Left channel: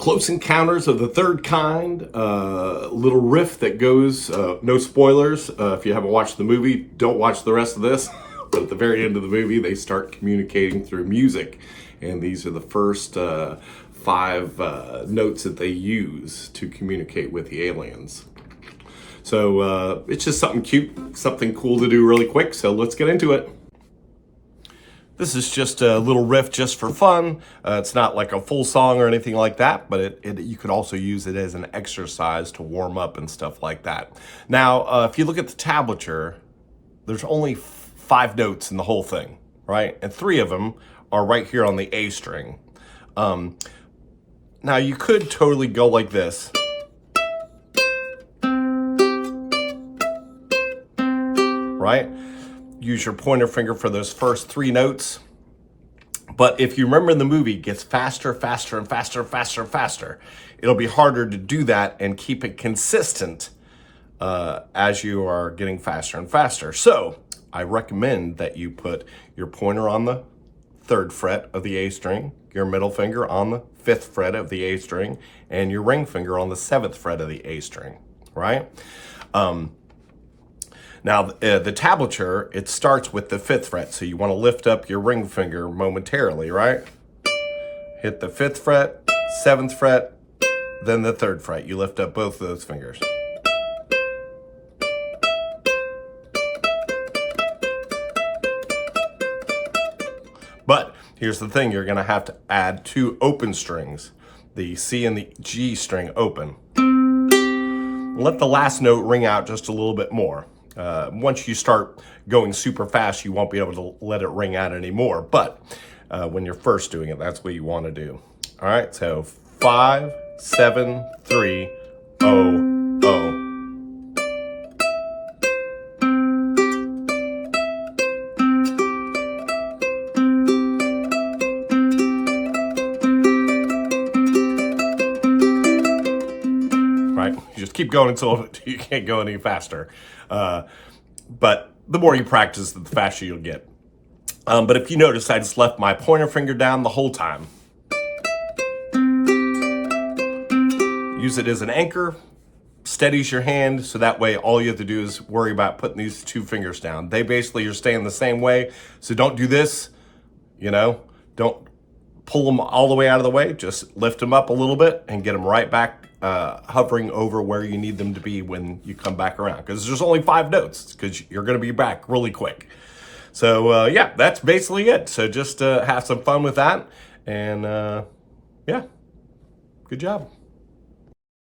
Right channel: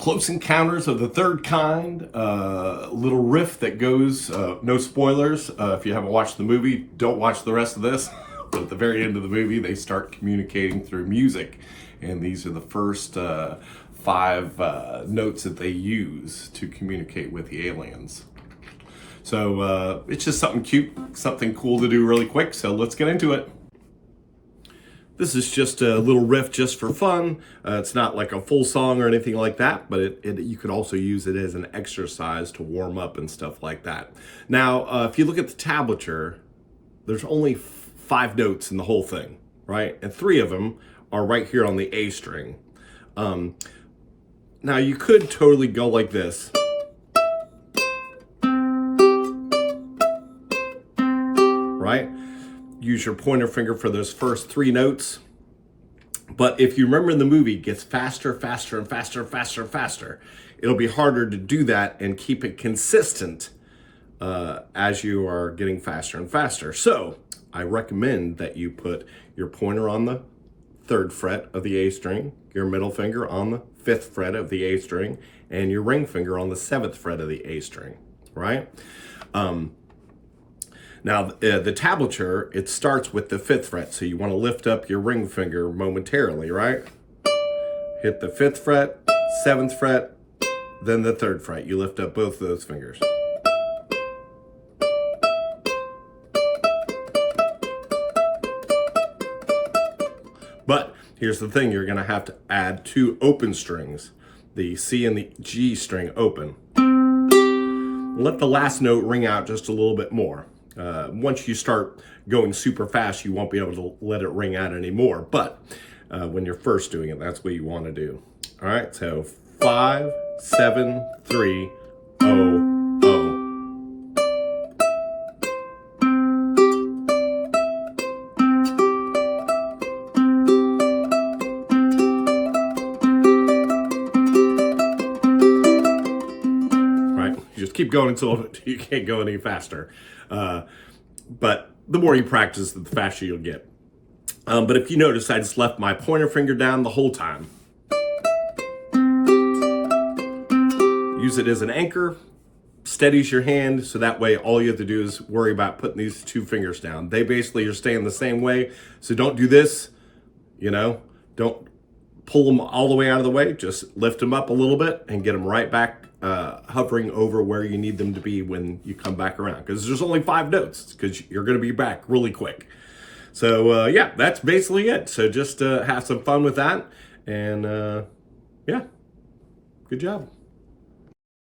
Close Encounters of the Third Kind, little riff that goes, no spoilers. If you haven't watched the movie, don't watch the rest of this. But at the very end of the movie, they start communicating through music. And these are the first 5 notes that they use to communicate with the aliens. So it's just something cute, something cool to do really quick. So let's get into it. This is just a little riff just for fun. It's not like a full song or anything like that, but you could also use it as an exercise to warm up and stuff like that. Now, if you look at the tablature, there's only 5 notes in the whole thing, right? And 3 of them are right here on the A string. Now, you could totally go like this. Right? Use your pointer finger for those first 3 notes. But if you remember in the movie, it gets faster, faster, and faster, faster, and faster. It'll be harder to do that and keep it consistent as you are getting faster and faster. So I recommend that you put your pointer on the 3rd fret of the A string, your middle finger on the 5th fret of the A string, and your ring finger on the 7th fret of the A string, right? Now, the tablature, it starts with the 5th fret, so you want to lift up your ring finger momentarily, right? Hit the 5th fret, 7th fret, then the 3rd fret. You lift up both of those fingers. But here's the thing, you're going to have to add 2 open strings, the C and the G string open. Let the last note ring out just a little bit more. Once you start going super fast, you won't be able to let it ring out anymore. But when you're first doing it, that's what you want to do. All right, so 5, 7, 3, 0, 0. Right, you just keep going until you can't go any faster. But the more you practice, the faster you'll get. But if you notice, I just left my pointer finger down the whole time. Use it as an anchor, steadies your hand, so that way all you have to do is worry about putting these 2 fingers down. They basically are staying the same way, so don't do this, don't pull them all the way out of the way, just lift them up a little bit and get them right back hovering over where you need them to be when you come back around, because there's only 5 notes, because you're going to be back really quick. So yeah, that's basically it. So just have some fun with that, and yeah, good job.